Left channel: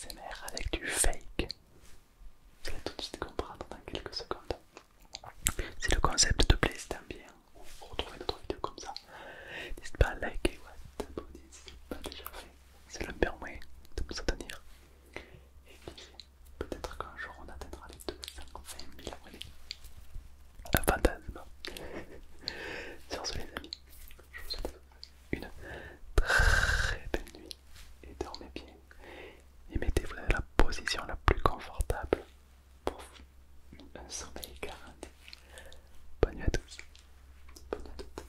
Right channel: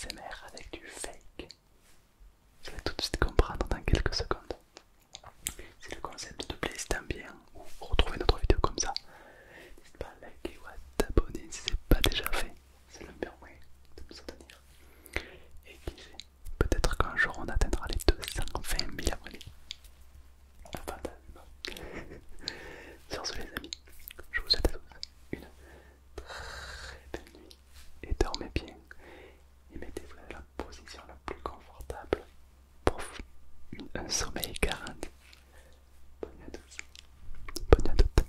ASMR avec du fake. Vous allez tout de suite comprendre dans quelques secondes. Si le concept te plaît, si t'aimes bien, ou retrouver notre vidéo comme ça, n'hésite pas à liker ou à t'abonner si ce n'est pas déjà fait. C'est le meilleur moyen de me soutenir. Et qui sait, peut-être qu'un jour on atteindra les 220 000 abonnés. Un fantasme. Sur ce les amis, je vous souhaite à tous une très belle nuit. Et dormez bien. Et mettez-vous dans la position la plus confortable pour un sommeil garanti. Bonne nuit à tous. Bonne nuit à toutes.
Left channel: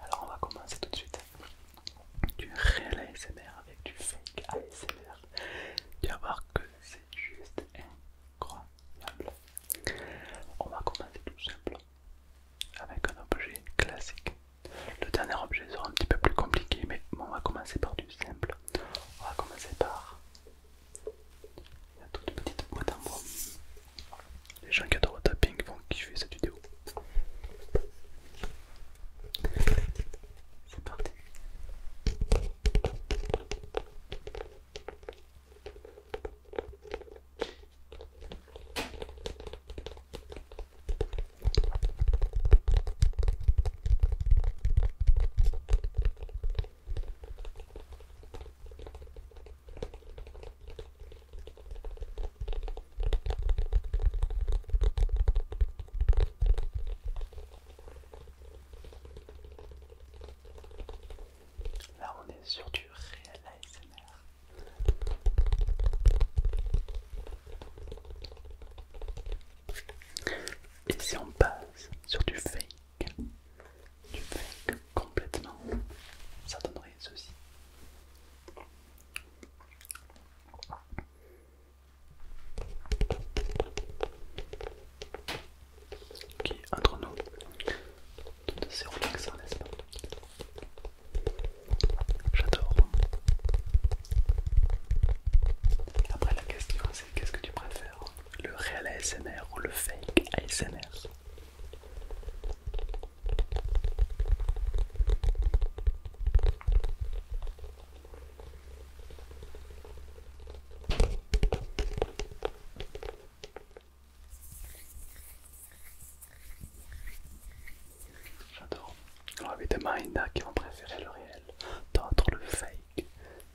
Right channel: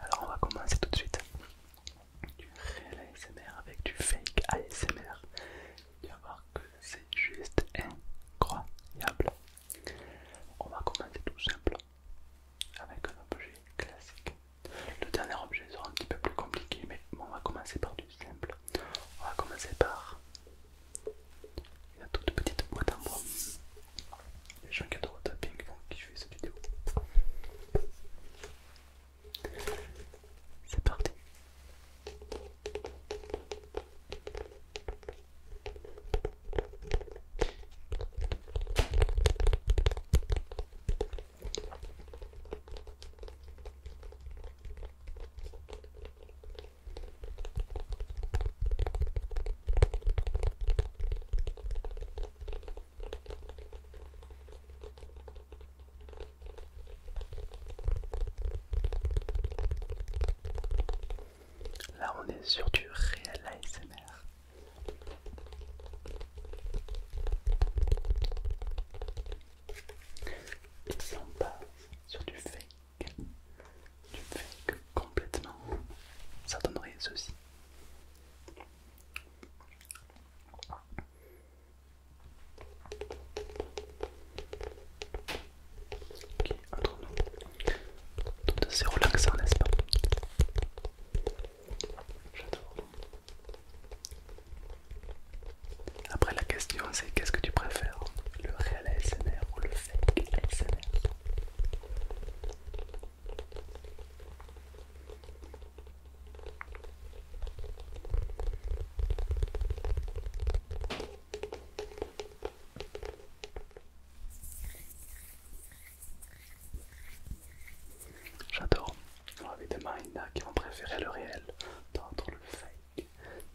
Alors on va commencer tout de suite. Du réel ASMR avec du fake ASMR. Tu vas voir que c'est juste incroyable. On va commencer tout simple avec un objet classique. Le dernier objet sera un petit peu plus compliqué, mais bon, on va commencer par du simple. On va commencer par la toute petite boîte en bois. Les gens qui adorent le tapping vont kiffer cette vidéo. C'est parti. Là on est sur du réel ASMR. Et si on passe sur du fake complètement, ça donnerait ceci. Qui est entre nous, c'est relaxant n'est-ce pas? J'adore. Après la question c'est qu'est-ce que tu préfères? Le réel ASMR ou le fake ASMR? J'adore. Alors évidemment il y en a qui vont préférer le réel, d'autres le fake.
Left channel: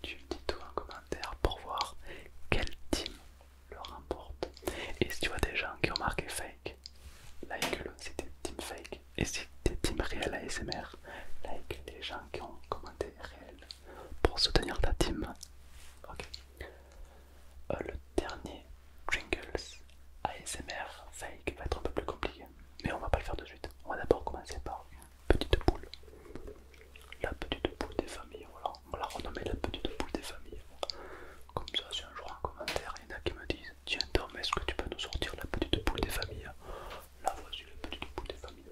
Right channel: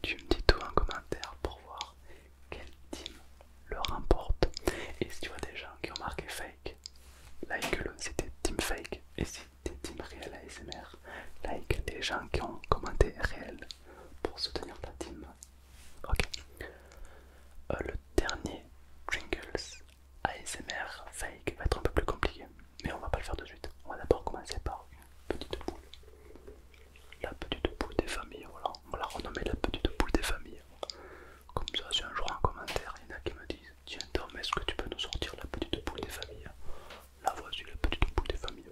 Tu me dis tout en commentaire pour voir quel team le remporte. Et si tu vois des gens qui ont marqué fake, like-le si t'es team fake. Et si t'es team réel ASMR, like les gens qui ont commenté réel pour soutenir ta team. Ok. Le dernier Pringles ASMR fake va être un peu plus compliqué, mais on va pas le faire de suite. On va d'abord commencer par une petite boule. La petite boule des familles, voilà. On va la renommer la petite boule des familles. Comme ça, si un jour en commentaire il y en a qui me disent tiens Tom, est-ce que tu peux nous sortir la petite boule des familles? Là voici la petite boule des familles.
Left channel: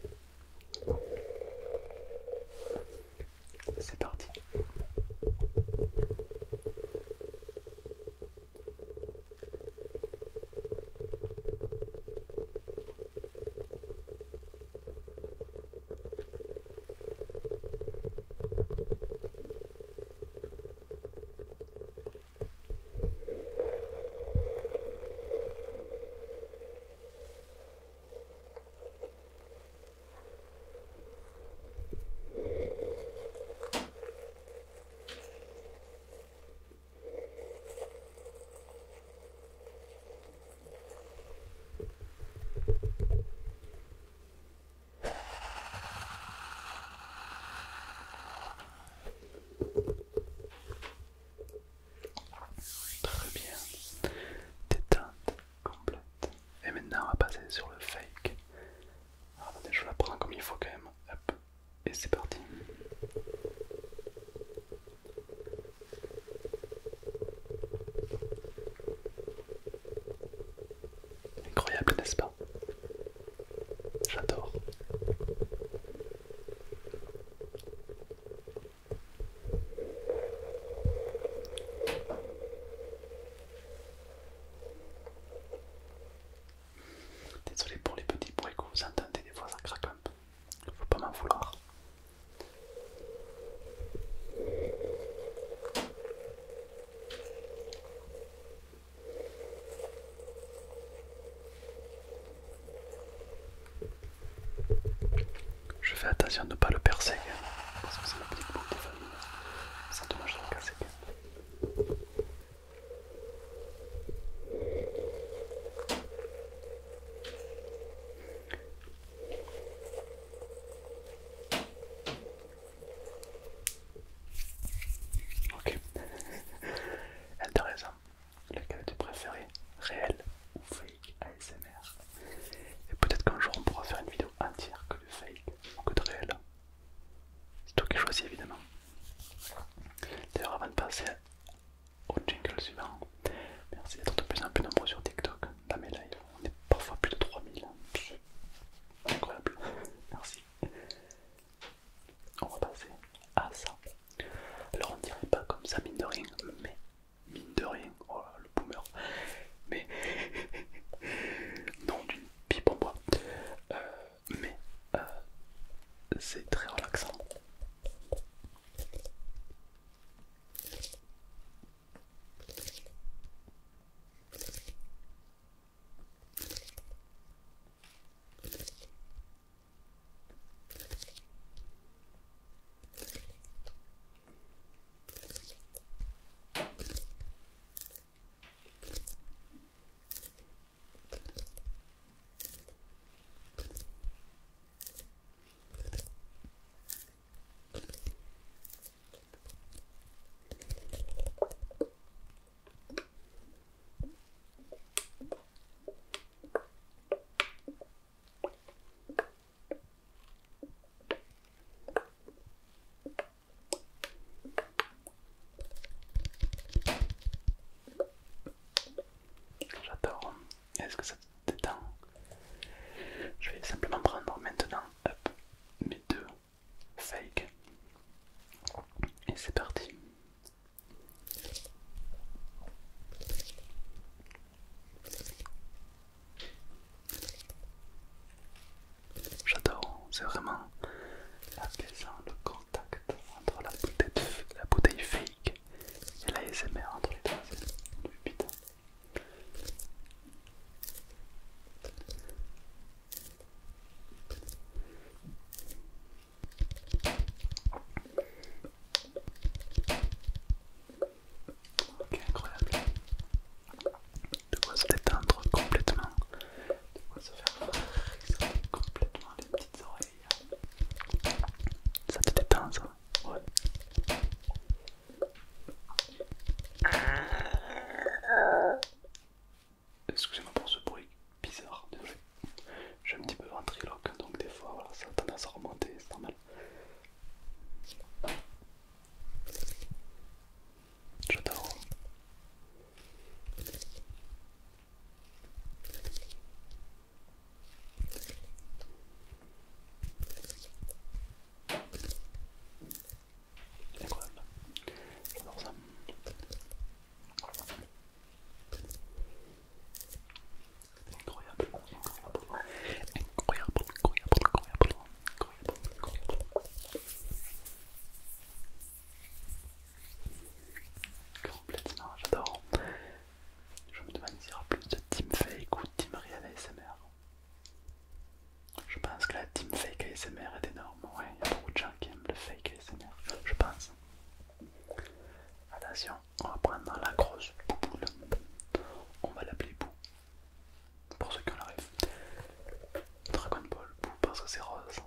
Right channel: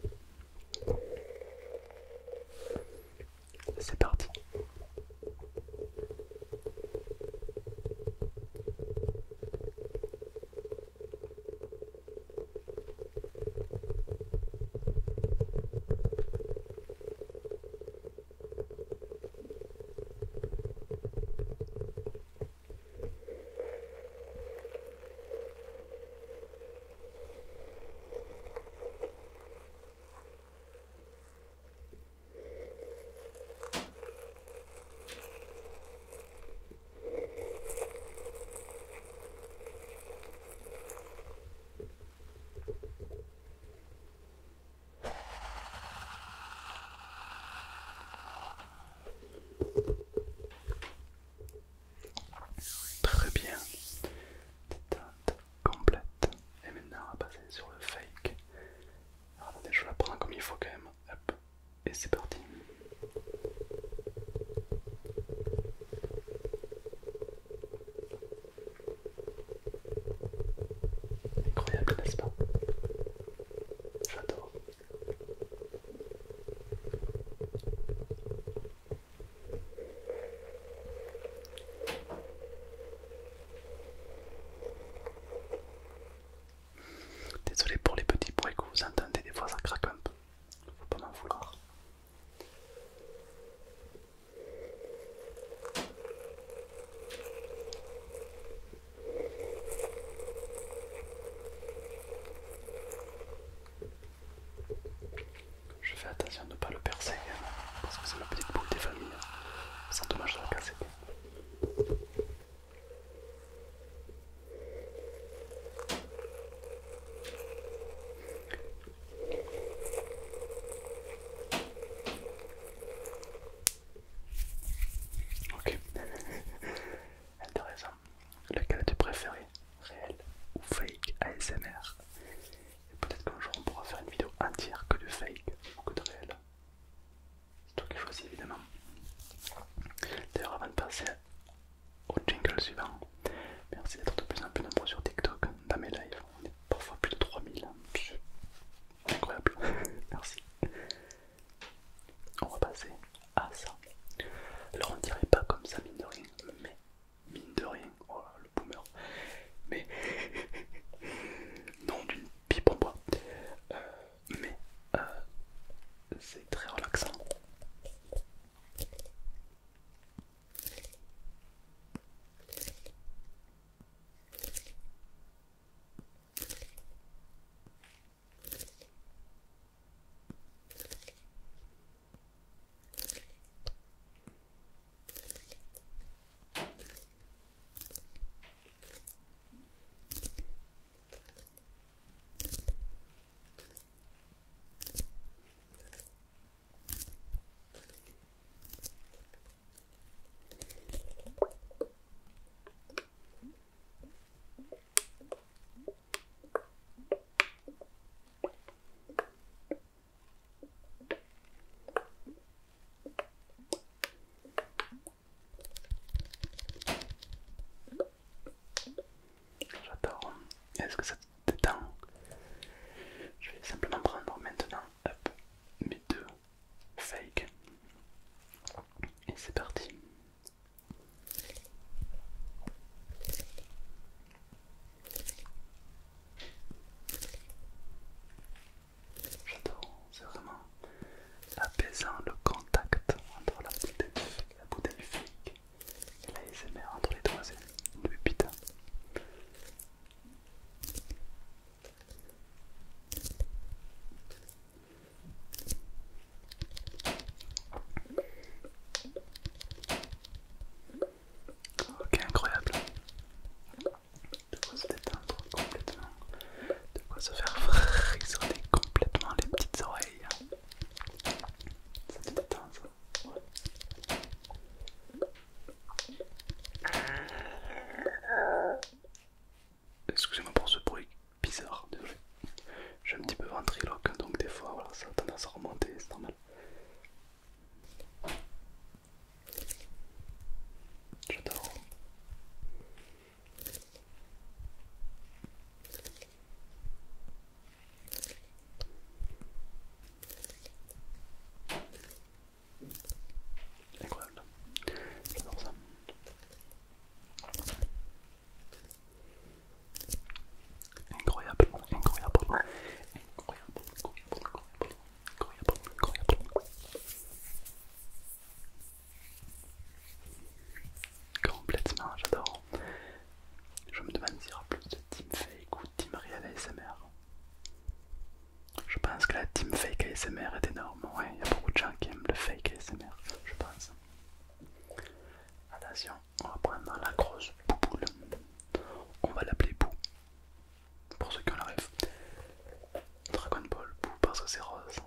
attention de ne pas le percer quand même, parce que c'est la petite boule des familles. C'est dommage de le percer quand même. Ok. Intéressant. Lequel tu préféré, réel ou fake ASMR? Et peut-être qu'un jour on pourra faire une vidéo entière que de fake ou que de réel. C'est toi qui choisis évidemment. D'ailleurs, avant de passer au jingle suivant, merci d'être de plus en plus nombreux sur TikTok. Dans mes lives, on est parfois plus de 3000. C'est incroyable. Merci. On va passer à ça. Alors on dirait pas comme ça mine de rien, mais mine de rien, oh le boomer, mais non d'une pipe en bois, mais c'est très relaxant. J'adore. Est-ce que ça te détend? Je vais simplement prendre maintenant hop, mes deux fakes. Et c'est parti. J'adore, c'est vraiment apaisant le contact entre la bouteille fake et l'ASMR entre les deux, c'est une pépite. Ok, incroyable. De quoi se détendre complètement, de quoi se faire frissonner complètement les petites oreilles. Ça te détend ça? Ouais. Excusez-moi pour ce bruit bizarre, désolé. Je suis un petit peu ventriloque, donc des fois voilà, ça a tendance à remonter, c'est normal. J'adore. Incroyable. J'adore ça. Incroyable, incroyable, incroyable, incroyable, incroyable. Complètement, j'adore. Je me demande s'il y aura plus de team fake ou team réel ASMR. Je pense que la team fake ASMR est énorme. Ouais, il y a beaucoup de gens qui aiment le fake ASMR, je pense. Attention, on va prendre la grosse bouboule. On va l'appeler Bou. Pour ceux qui ont la rêve. Dragon Ball Bou parce que c'est rose.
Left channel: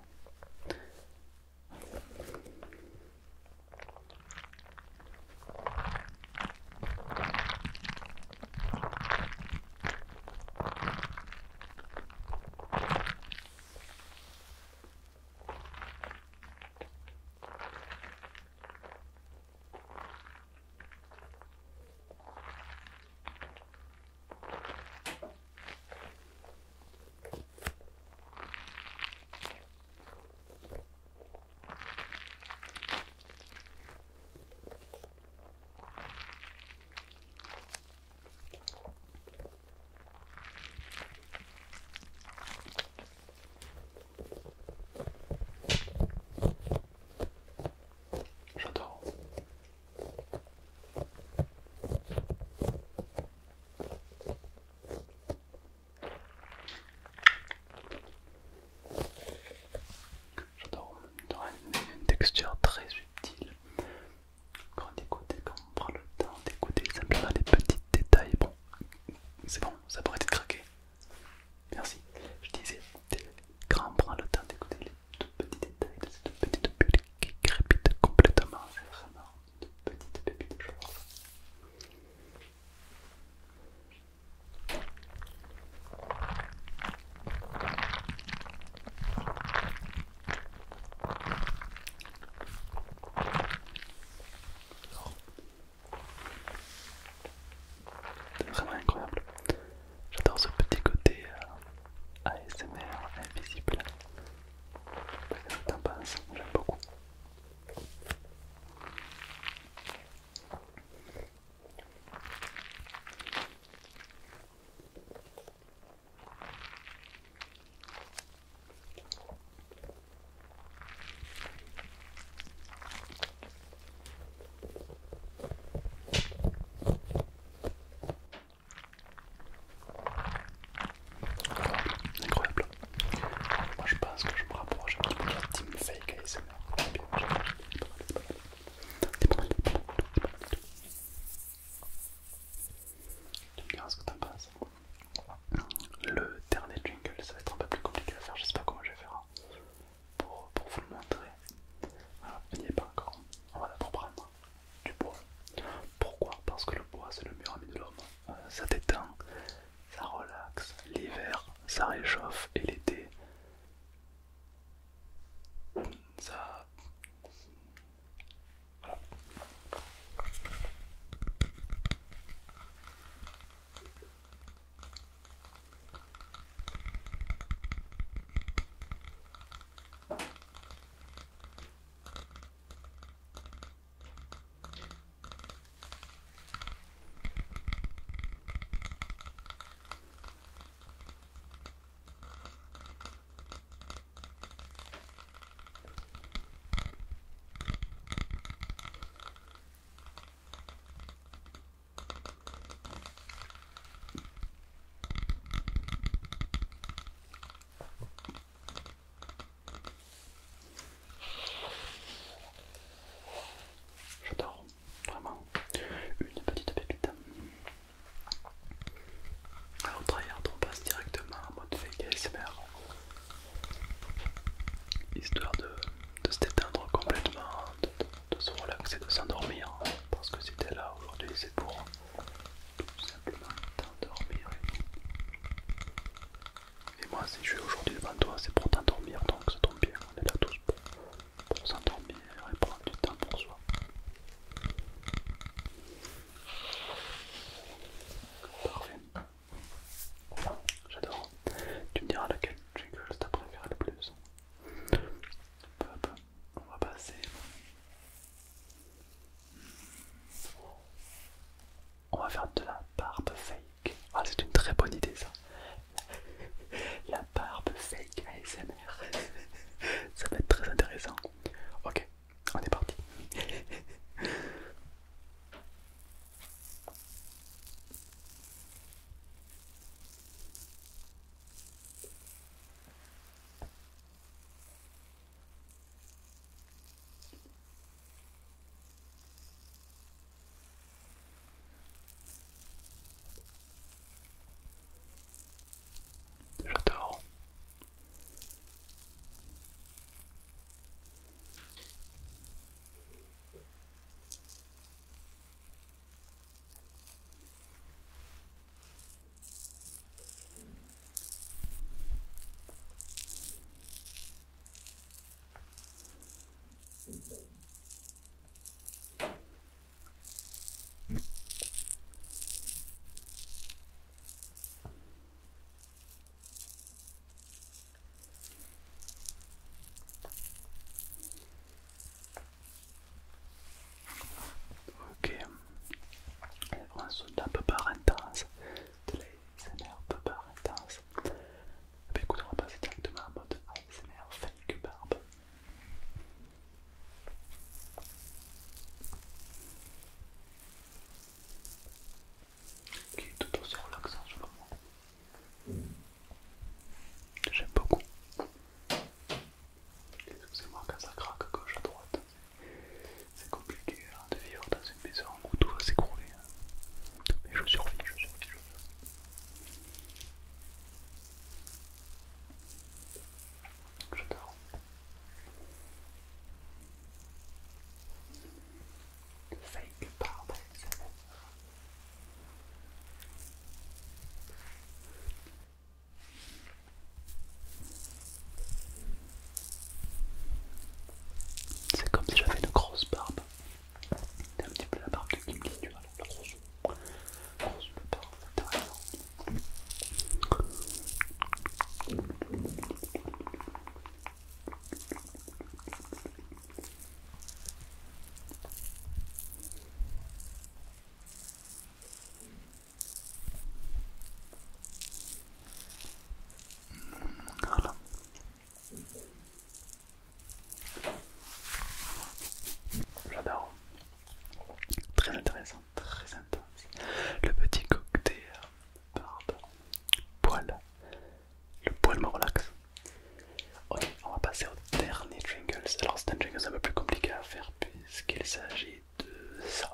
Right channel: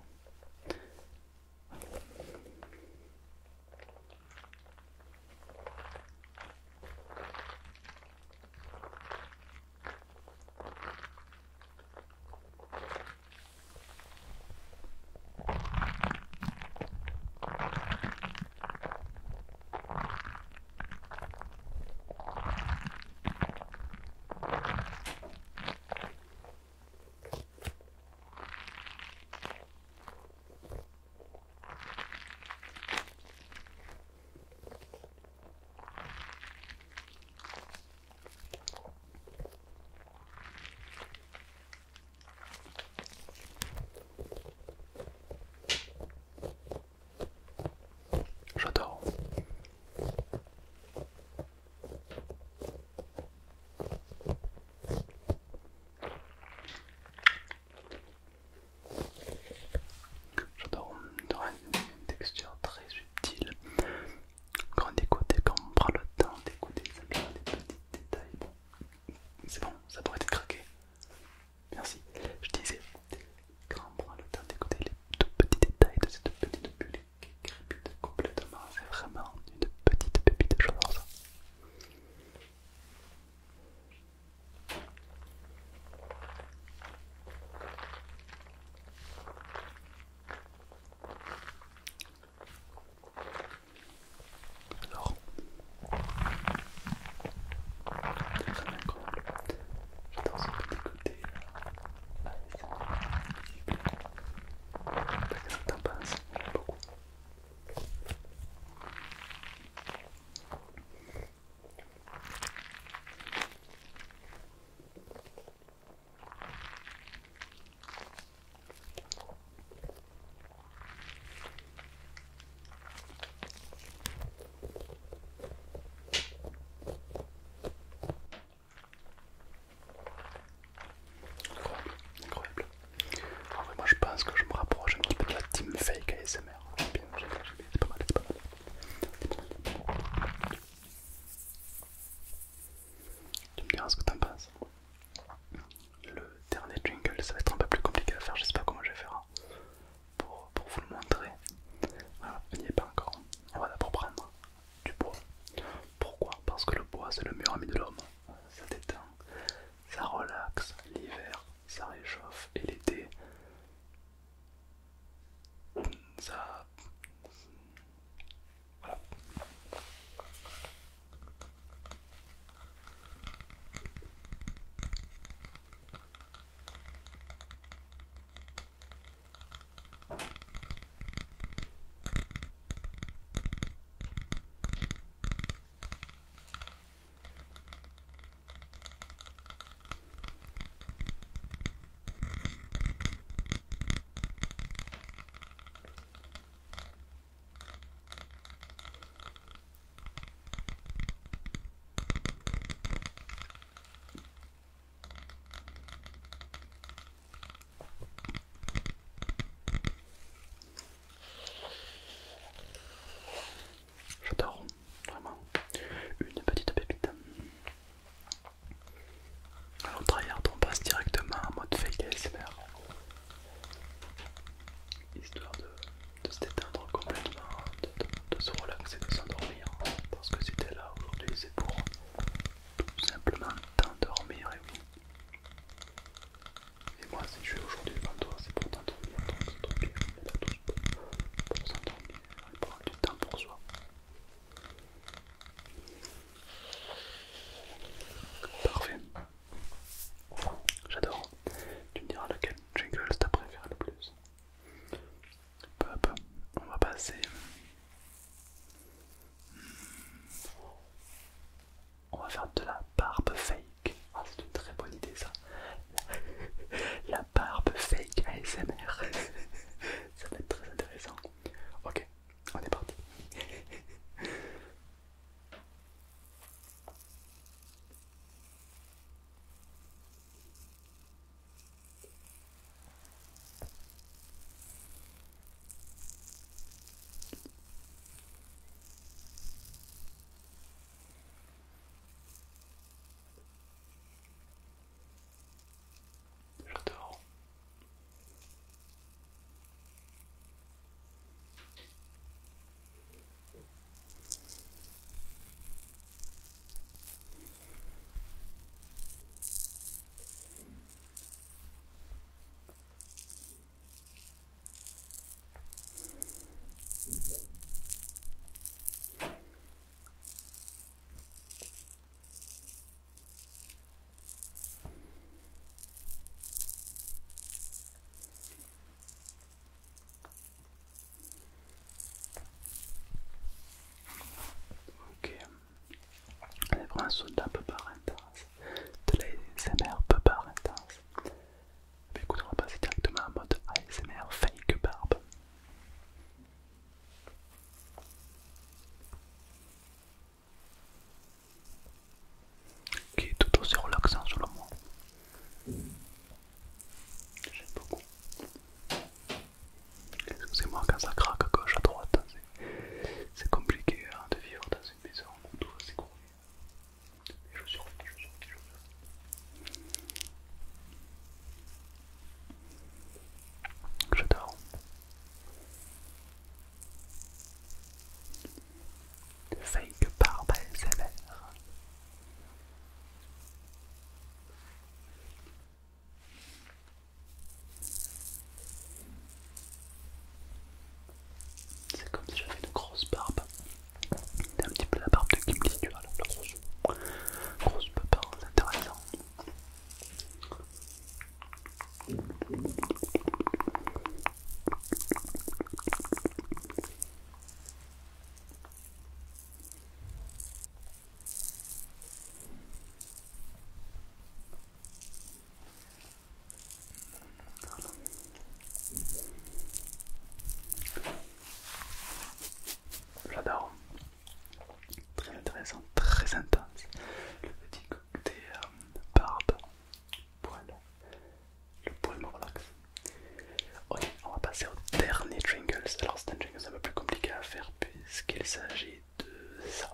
que c'est un peu plus compliqué à faire puisqu'il s'agit de ça.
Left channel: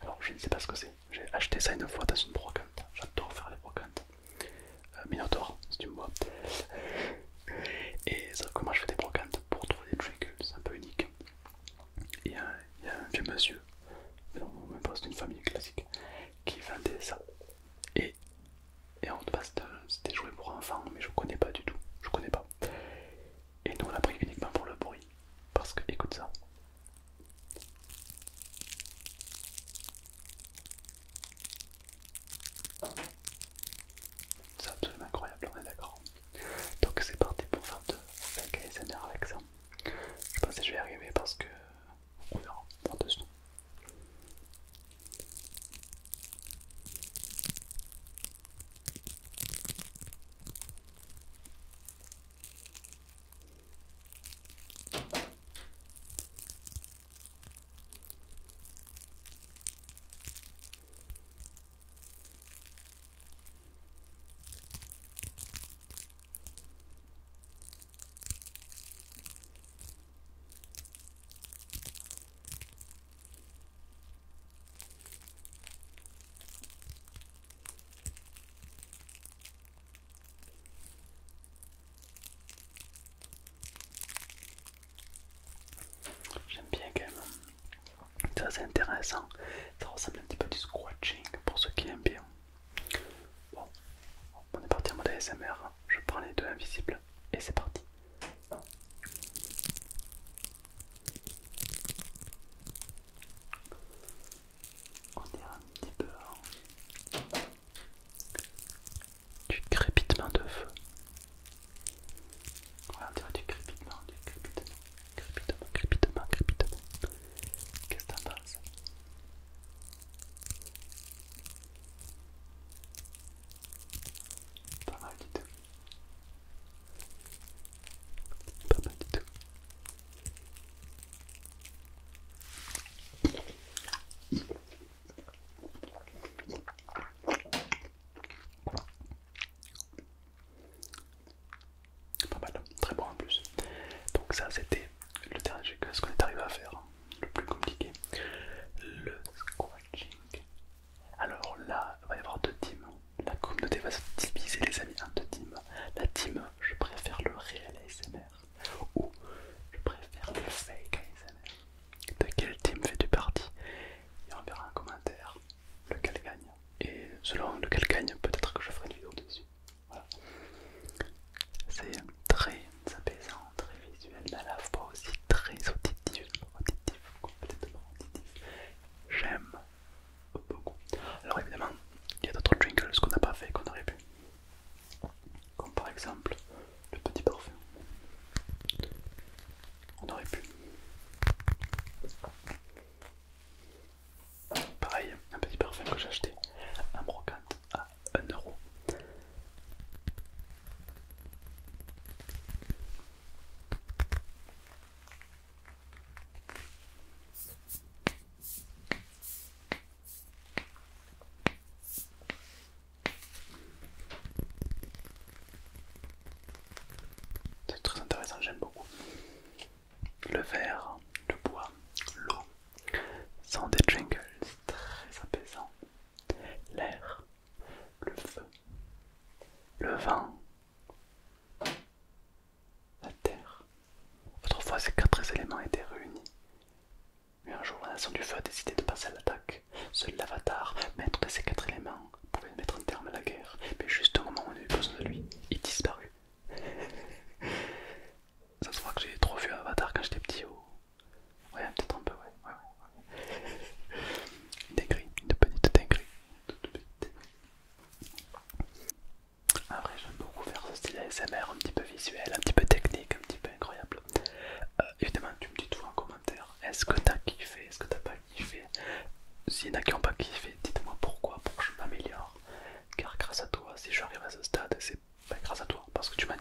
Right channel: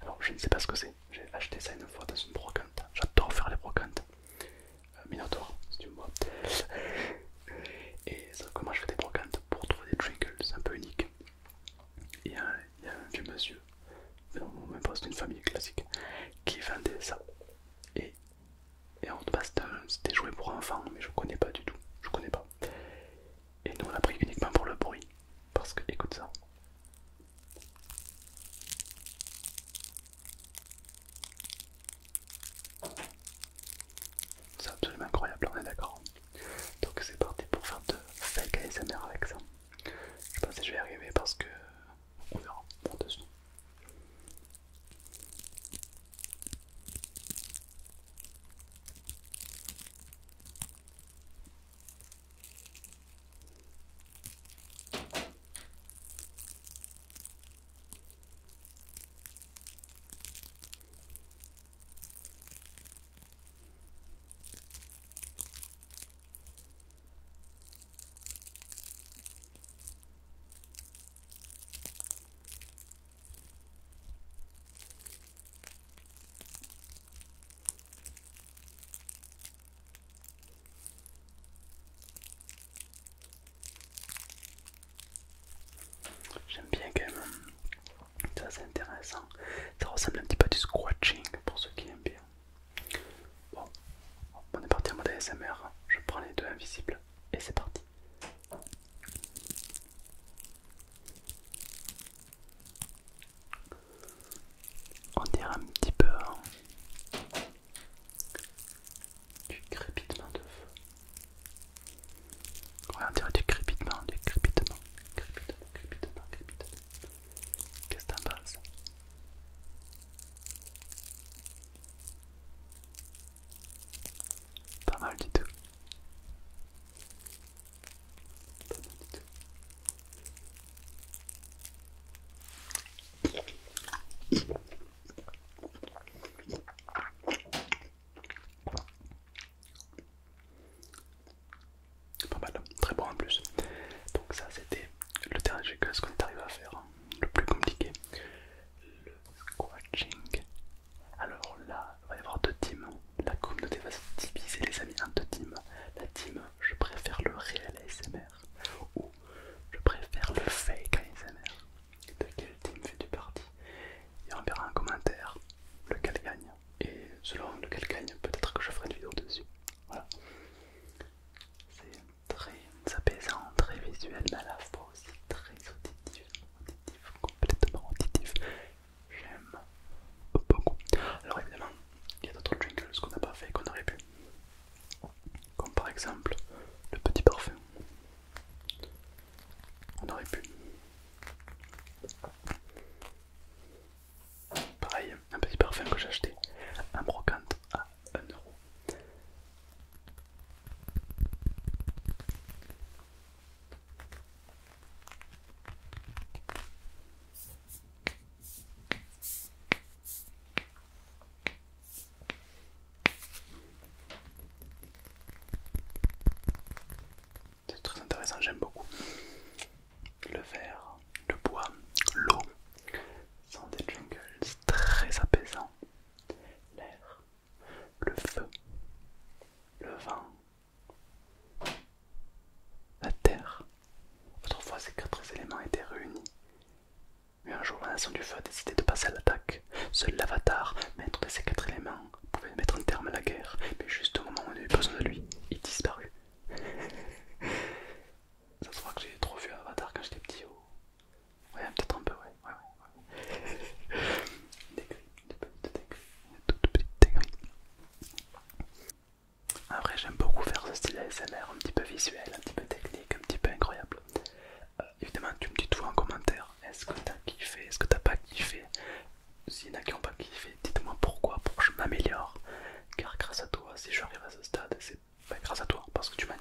Alors je ne sais pas ce que c'est, j'ai acheté ça une fois dans une brocante, j'adore faire les brocantes. Minotaur, si tu me vois. Et sauf que moi je fais des brocantes pour trouver des trinkles, c'est un peu unique. Et il y a un vieux monsieur, mais non, même pas, c'est une famille classique, qui vendait ça. Et, et en base c'était joué pour enfants, mais je connais pas du tout, je connais pas. Et nous on l'a pris uniquement pour le bruit, parce que écoute ça. C'est absolument incroyable, on est d'accord. Donc c'est parti pour faire de fake ASMR avec ça. Je pense que je vais y arriver parce que on verra par-dessus. J'aime bien quand même, c'est assez intéressant, ça ressemble un petit peu à du scratching pour ceux qui aiment bien. Bon, on est parti en mode ASMR, je prends les deux invisibles et c'est parti. On dirait un petit peu du crépitement de feu. Ouais, on dirait du crépitement, du crépitement, crépitement, crépitement, crépitement. Qu'est-ce que t'en penses? Pas mal du tout. Pas mal du tout. Pas mal, très bon en plus. Donc ça c'était le dernier que ce qu'on est arrivé à faire, hein. Le plus compliqué, le scratching. Alors là, il va y avoir deux teams. La communauté va se diviser les amis en deux teams. La team je préfère le réel ASMR ou je préfère le fake ASMR. De quel team fais-tu partie? Et on verra en commentaire lequel gagne. Et selon lequel gagne, peut-être que je ferai une vidéo dessus. Voilà. C'est très apaisant, très visuel, mais à la fois aussi très auditif, complètement auditif. J'aime beaucoup. Alors évidemment, il y a d'autres jingles qu'on n'a pas fait, qu'on aurait pu. Comme par exemple le petit parfum. On aurait pu. Pareil, un petit parfum que j'ai acheté, un brocante à 1 €. C'est très intéressant, j'aime beaucoup. Le verre, le bois, l'eau sont des jingles très apaisants. L'air, le feu, le vent, la terre. Autrefois, ces quatre éléments étaient réunis. Mais un jour, la nation du feu a décidé de passer à l'attaque. Seul l'avatar, maître de ces quatre éléments, pouvait mettre un terme à la guerre. Mais juste au moment où on a eu besoin de lui, il disparut. Ça se voit que j'ai trop vu Avatar quand j'étais petit. Ouais, peut-être un peu, ouais. Une dinguerie, une petite dinguerie, une toute petite dinguerie. Après, j'aime beaucoup faire ce style ASMR un petit peu visuel, un petit peu technique, un petit peu incroyable. Évidemment, tu me dis tout en commentaire. Est-ce que t'as kiffé? Est-ce que t'as pas kiffé? S'il y en a qui n'ont pas kiffé, dites-moi pourquoi, pour que je m'améliore. Car grâce à toi, si j'arrive à ce stade, c'est pas grâce à toi, parce que tu m'as